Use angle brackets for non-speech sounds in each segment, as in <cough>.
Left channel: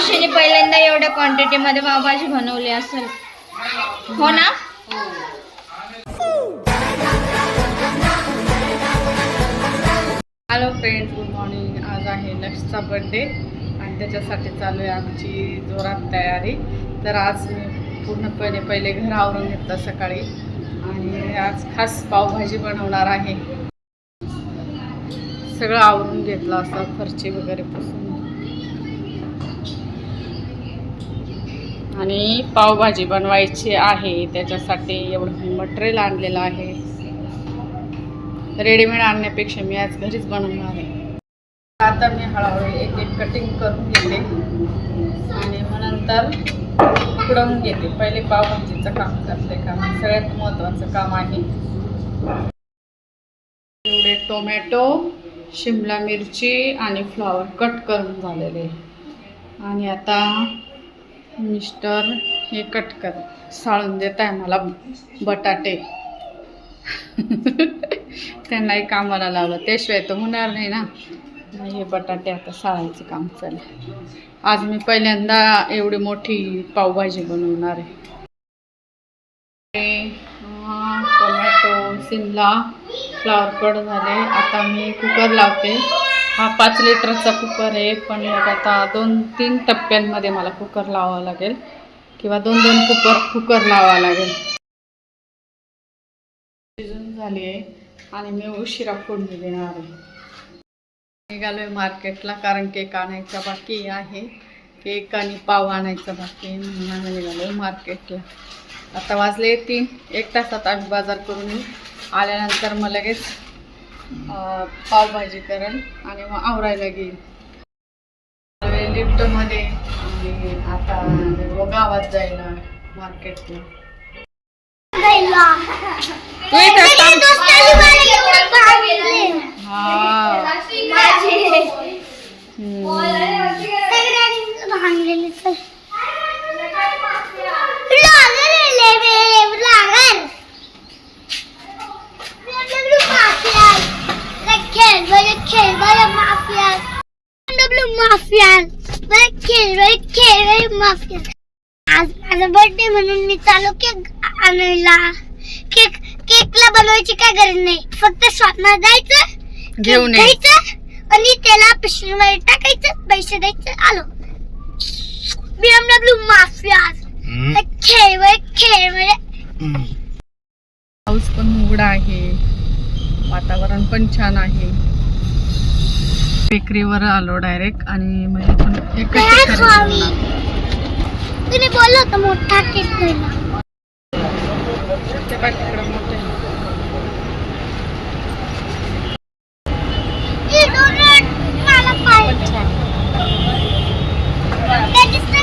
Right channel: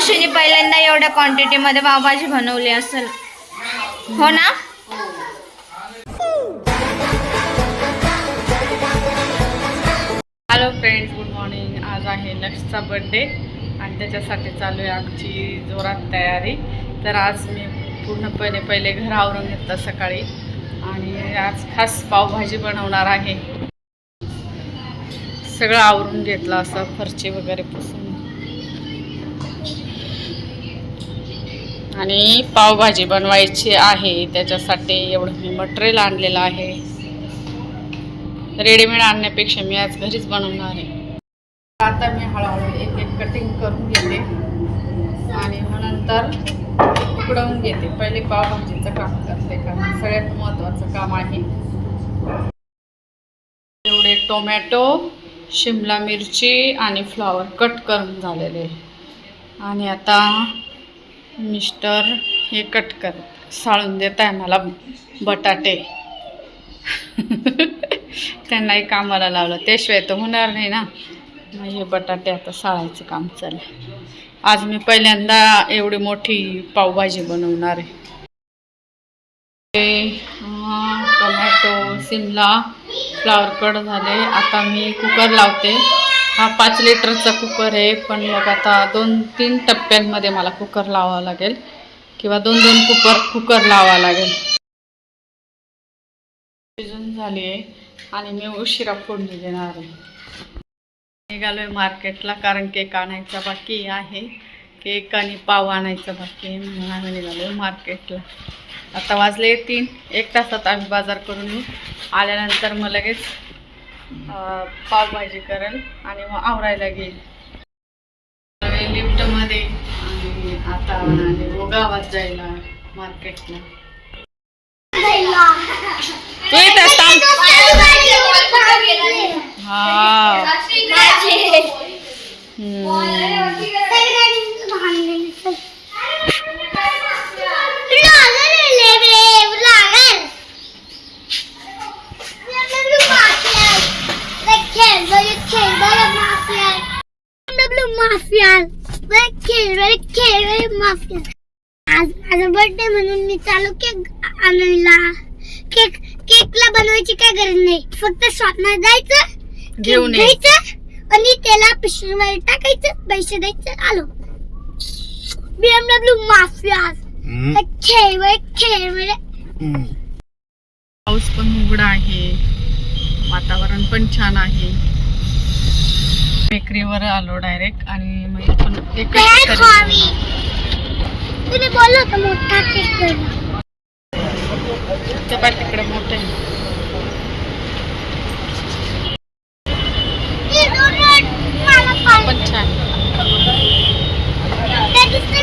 मावशीने पहिल्यांदा एवढ्या क्वांटिटी मध्ये पावभाजी बनवली असेल. हो ना? हॅलो फ्रेंड्स गुड मॉर्निंग आज आहे लक्षचा बड्डे आणि त्याच्यासाठी चालू आहे आमची जोरात तयारी. तर आज मी पूर्णपणे पहिले घर आवरून घेतलं सकाळी आणि आज खास पावभाजी बनवणार आहे. सगळं आवरून घेतलं असं फरची वगैरे पुसून आणि पावभाजी बनवायची आहे. त्याच्यासाठी एवढं मी मटेरियल आणलेलं आहे. रेडीमेड आणण्यापेक्षा मी आज घरीच बनवणार आहे. आता मी हळूहळू एक एक कटिंग करून घेते. आणि मग नंतर उकडवून घेते. पहिले पावभाजीचं काम करते कारण सगळ्यात महत्त्वाचं काम आहे. एवढे टोमॅटो शिमला मिरची आणि फ्लॉवर कट करून झालेले. आणि आता मिस्टर हे कट कर. साळून देत आहे मला बटाटे <laughs> त्यांनाही कामाला लावलं. त्याशिवाय तर होणार नाही ना. मग हे बटाटे आता साळायचं काम चाललं आज मी पहिल्यांदा एवढी मोठी पावभाजी बनवणार आहे. ते, टोमॅटो सिमला फ्लावर कट झाले. आता मी कुकर लावते. हा पाच लिटरचा कुकर आहे पण मग आता दोन तीन टप्प्यांमध्ये मला कुकर लावावं लागेल. किंवा दोन दोन कुकर कुकर लावावं लागेल. शिजून झाली आहे आणि मी उशिरा फोडणी देणार आहे. निघालो आहे मार्केटला कारण केक आणायचा बाकी आहे. केक आणि पाव आणायचा बाकी आहे म्हणून आम्ही निघालो आहे मार्केटला. आता वाजले तीन एक तासात आम्ही बाजार करून येऊ. आल्यानंतर मग लगेच पावभाजी करेल आणि मग आवरायला घेईल लिफ्टमध्ये आणि आता गावात जायला मार्केटला. तू हा हम्म. आज माझा बर्थडे म्हणून मी चालू केक आणायला केक केकला बनवायची काय गरज नाही. फक्त शॉपमध्ये जायचं घेऊन ये. घ्यायचं आणि त्याला पिशवीमध्ये टाकायचं पैसे द्यायचं आलो. बीएमडब्ल्यू माफिया खेळ खेळ पाऊस पण उघडा आहे. वातावरण पण छान आहे. बेकरीवर आलो डायरेक्ट आणि म्हणजे पण एकच? करणार. बोललो होतं मोठा केक करणं ते पाय तिकडे मोठे. पण छान. That is the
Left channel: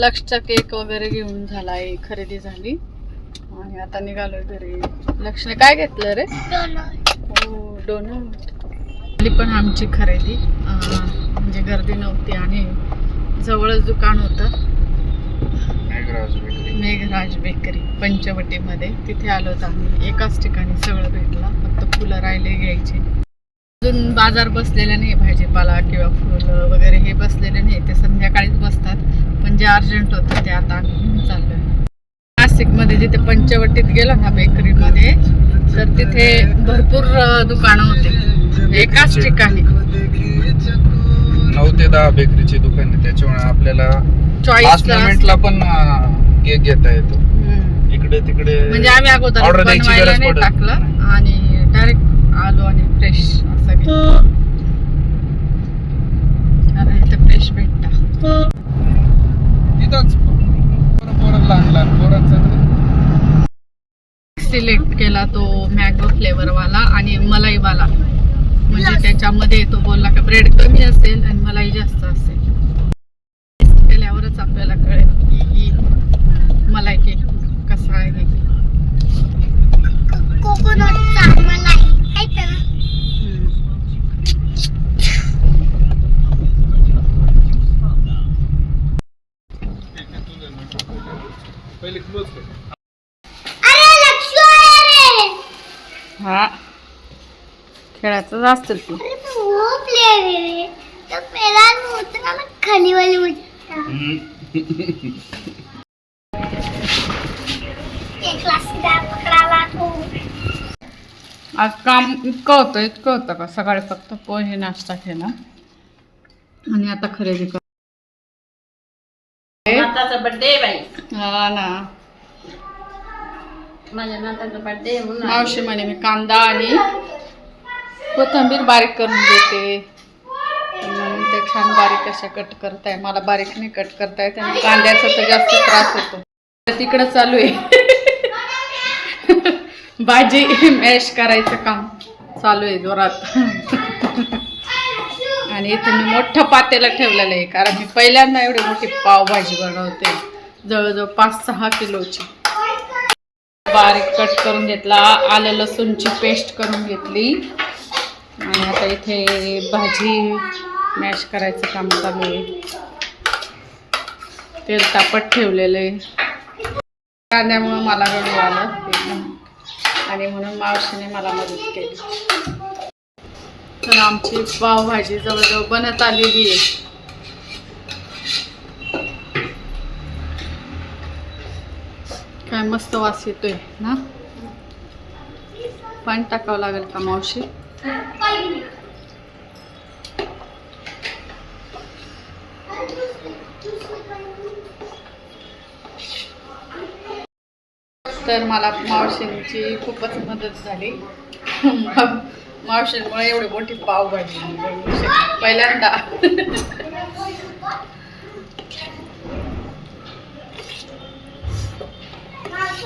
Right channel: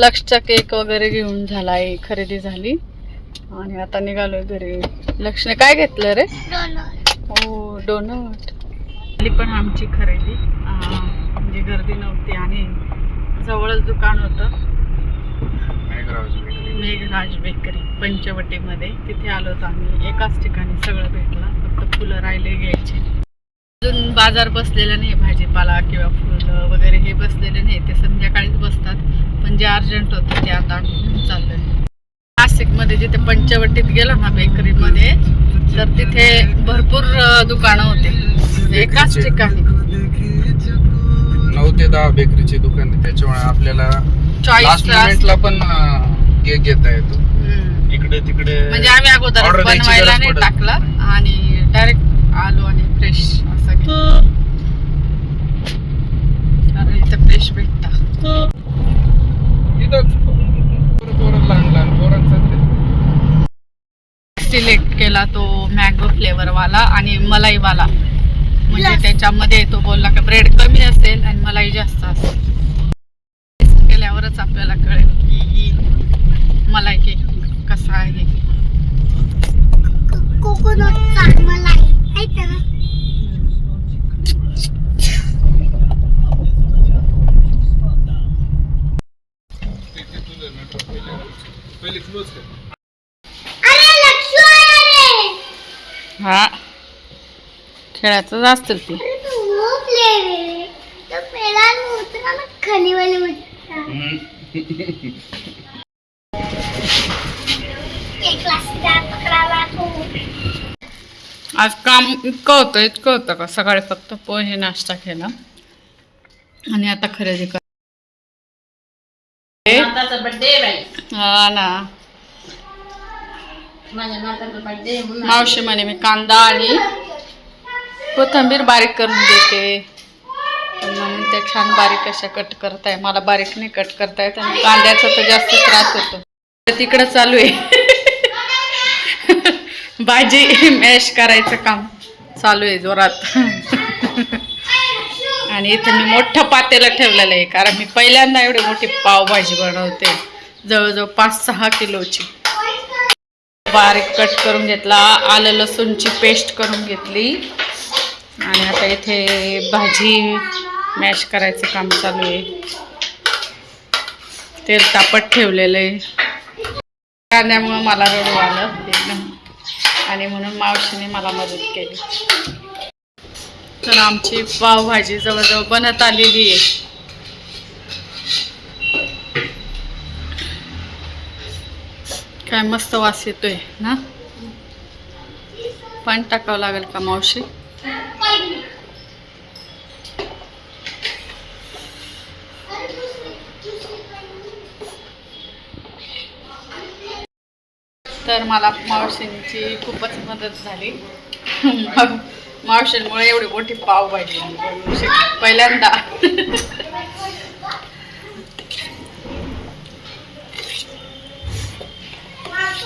लक्षचा केक वगैरे घेऊन झालाय खरेदी झाली. आणि आता निघालोय घरी. लक्षने काय घेतलं रे. हो डोनट झाली पण आमची खरेदी. म्हणजे गर्दी नव्हती आणि जवळच दुकान होतं. मेघराज बेकरी पंचवटीमध्ये. तिथे आलो होतो आम्ही. एकाच ठिकाणी सगळं भेटलं. फक्त फुलं राहिले घ्यायचे. अजून बाजार बसलेला नाही भाजीपाला किंवा फुलं वगैरे हे बसलेले नाही. ते संध्याकाळीच बसतात. पण जे अर्जंट होतं ते आता चाललोय. नाशिकमध्ये जिथे पंचवटीत गेलो ना बेकरीमध्ये तर तिथे भरपूर दुकानं होते. एकाच ठिकाणी. नऊ ते दहा बेकरीचे दुकान त्याच्यामुळे आपल्याला चॉईस पण केक घेता येतो. इकडे तिकडे म्हणजे आम्ही अगोदर बनवायला नाही टाकलं आणि डायरेक्ट आलो आणि फ्रेश असं घेतलं कारण इथं फ्रेश भेटता. पोरं पोरं लहान लहान सिलेक्ट केला तो मँगो फ्लेवर वाला आणि मलाई वाला. म्हणजे. त्याच्यामध्ये तो बोलला का ब्रेड कमी असेल आणि मलाई जास्त असेल. केल्यावरच आपल्याला कळेल की ही मलाई केक कसा आहे. कोकोनटचा मलाई आहे का ना हम्म. पहिले क्लोज कर अरे लक्ष्मी आला रे हा खेळायचं असतील ती अरे तू वो प्लेयर है तो पहला उतरा ना खाली वाली उतरा एक क्लास का पकडावा तू. आज काम इतकं होतं इतकं होतं का? सकाळी फक्त पोहे नाश्ता केला. आणि आता खरेदी कर हा ना. माझ्या नाताचा बर्थडे मावशी म्हणे मी कांदा आणि कोथिंबीर बारीक करून देते म्हणून त्या छान बारीक अशा कट करताय. मला बारीक नाही कट करता येत आणि कांद्याचा तर जास्त त्रास होतो. तर तिकडं चालू आहे. भाजी मॅश करायचं काम चालू आहे जोरात. आणि इथे मी मोठं पातेला ठेवलेलं आहे. कारण मी पहिल्यांदा एवढी मोठी पावभाजी बनवते. जवळजवळ पाच सहा किलोची. बारीक कट करून घेतला. आलं लसूणची पेस्ट करून घेतली. आणि आता इथे भाजी मॅश करायचं काम चालू आहे. तेल तापत ठेवलेलं आहे. कांद्यामुळं मला रडू आलं एकदम. आणि म्हणून मावशीने मला मदत केली. तर आमची पावभाजी जवळजवळ बनत आलेली आहे. काय मस्त वास येतोय ना? पाणी टाकावं लागेल का मावशी? तर मला मावशींची खूपच मदत झाली. मग मावशींमुळे एवढी मोठी पावभाजी मी पहिल्यांदा.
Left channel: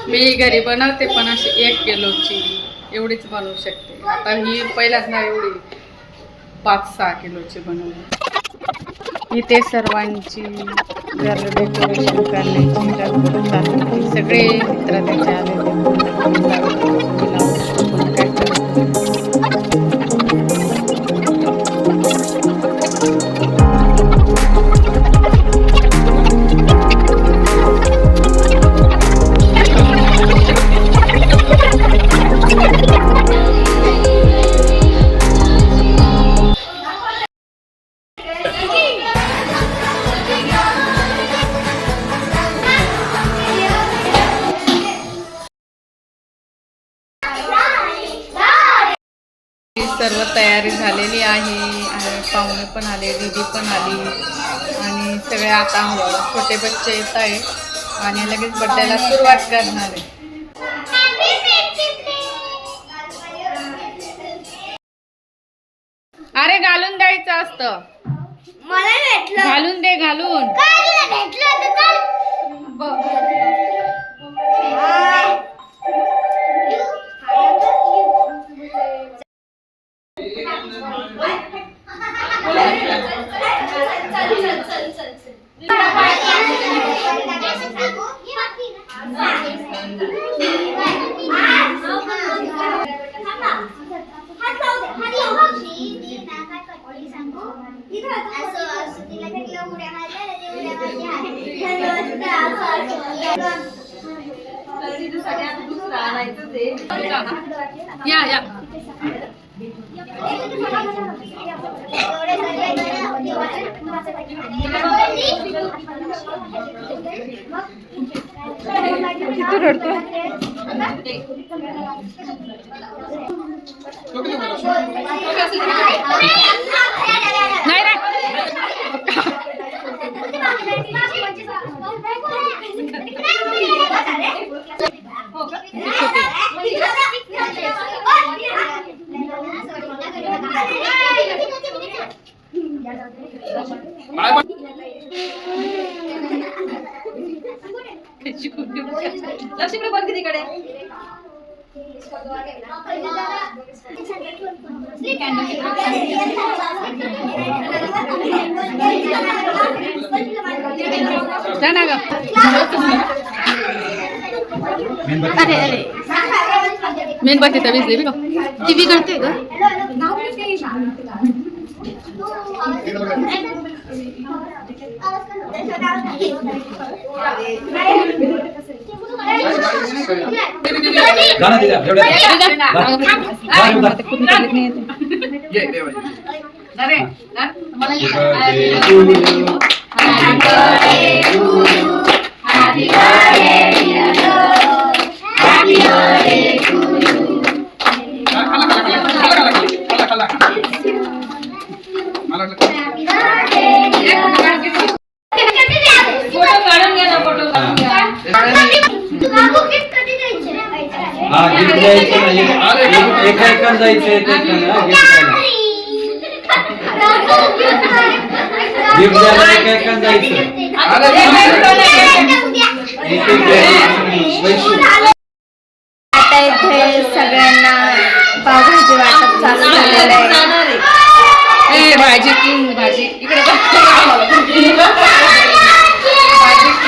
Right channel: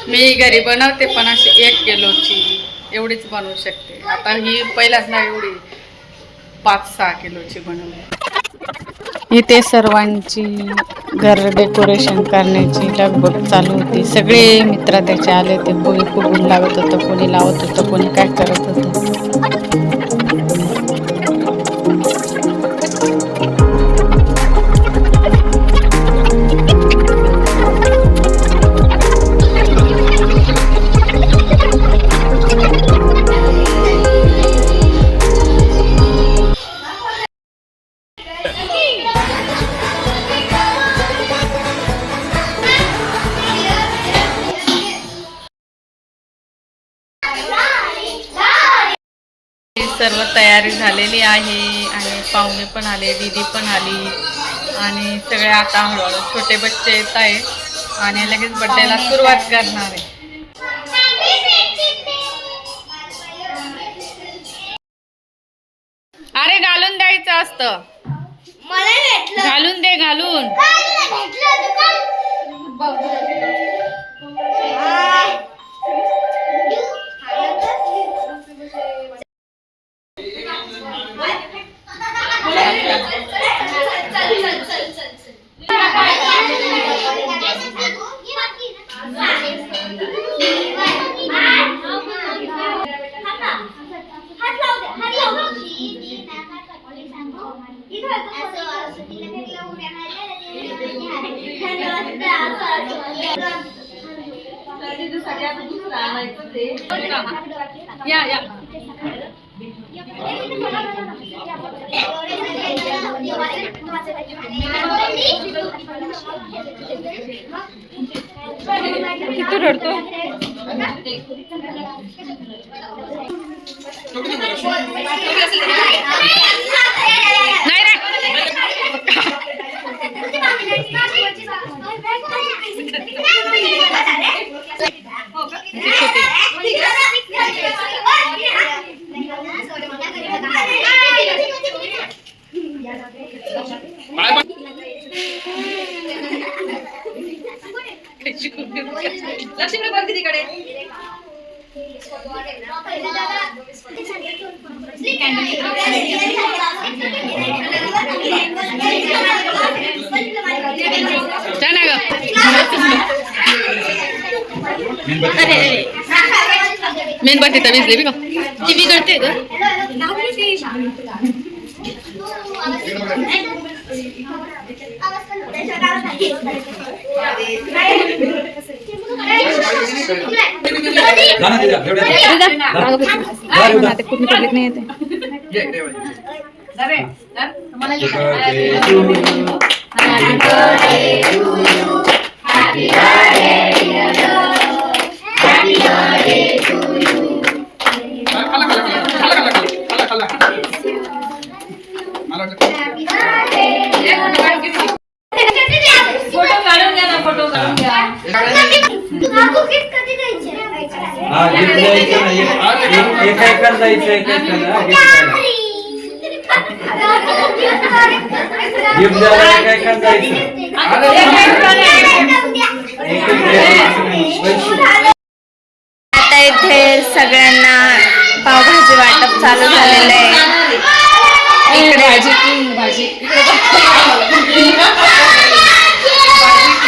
मी घरी बनवते पण अशी एक किलोची. एवढीच बनवू शकते. आता ही पहिल्यांदा एवढी पाच सहा किलोची बनवली. इथे सर्वांची घर डेकोरेशन करण्याची लगबग चालू होती. सगळे मित्र त्याचे आले होते. कोणी फुगून लावत होतं कोणी लावत होतं कोणी काय करत होतं. सर्व तयारी झालेली आहे. आणि पाहुणे पण आले दीदी पण आली. आणि सगळे आता हळूहळू छोटे बच्चे येत आहे आणि लगेच बड्डेला सुरुवात करणार आहे. अरे घालून द्यायचं असतं. मला भेटलं. घालून दे घालून. काय तुला भेटलं होतं या किती रडतो नाही रे. हो का? ना ग मेणबत्ती तर भिजली बी का? ती बिघडते ग. हा गिफ्ट द्यायचं ना एक- एक- एका एकाला जायचं एक एकाला गिफ्ट द्यायला गिफ्ट द्यायला एका एकाला जायचं एक एक द्यायचं? पैसे. आता इथे सगळ्यांना पावभाजी वाटप चालू झालेलं आहे.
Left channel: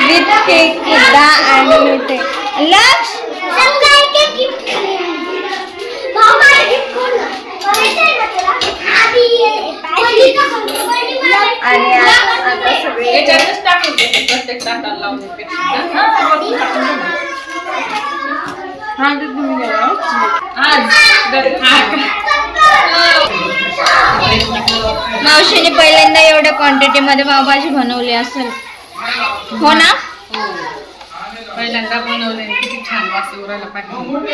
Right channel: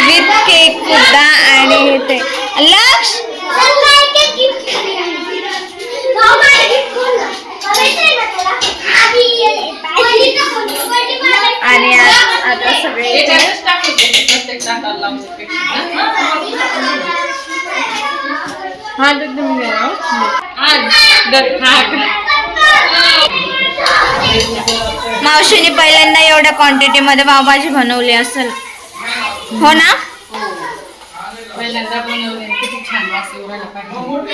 विथ केक सुद्धा आणि ते लक्ष! आणि आता सगळे मावशीने पहिल्यांदा एवढ्या क्वांटिटी मध्ये पावभाजी बनवली असेल. हो ना? पहिल्यांदा बनवलंय किती छान वास राहिला पाहिजे.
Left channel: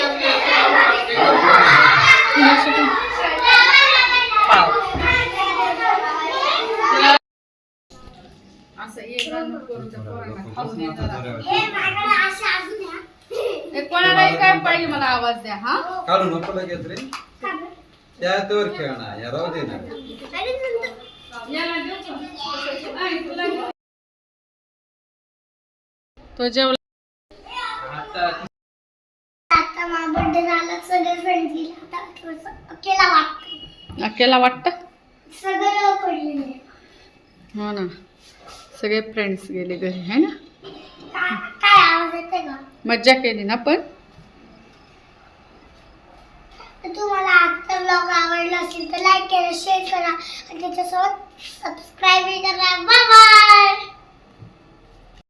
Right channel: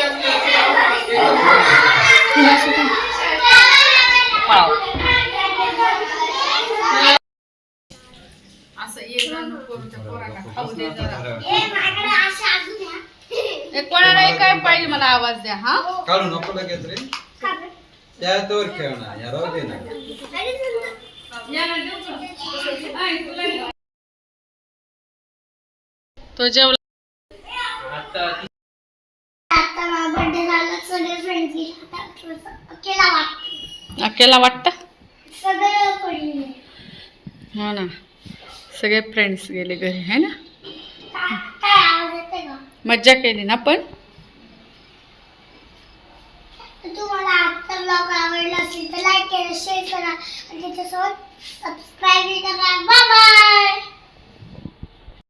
पाव. असं ये जा नको करू त्या पोरांना <laughs> खाऊ दे जरा. ए, कोणाला एक काय पाहिजे मला आवाज द्या हा? काढू नको लगेच रे. त्यावर खेळणार या राहू दे ना. तो जेवला. आता माझा बर्थडे झाला सगळे फ्रेंड्स गेले. आता थोडंसं अकेला वाटतं. अकेला वाटतं? सगळं. हो ना. सगळे फ्रेंड्स गेले घरी है ना? मज्जा केली ना पण? तुम्हाला आजचा ब्लॉग आवडला असेल तर लाईक करा शेअर करा आणि त्याच्यासोबत सबस्क्राईब करा. Bye bye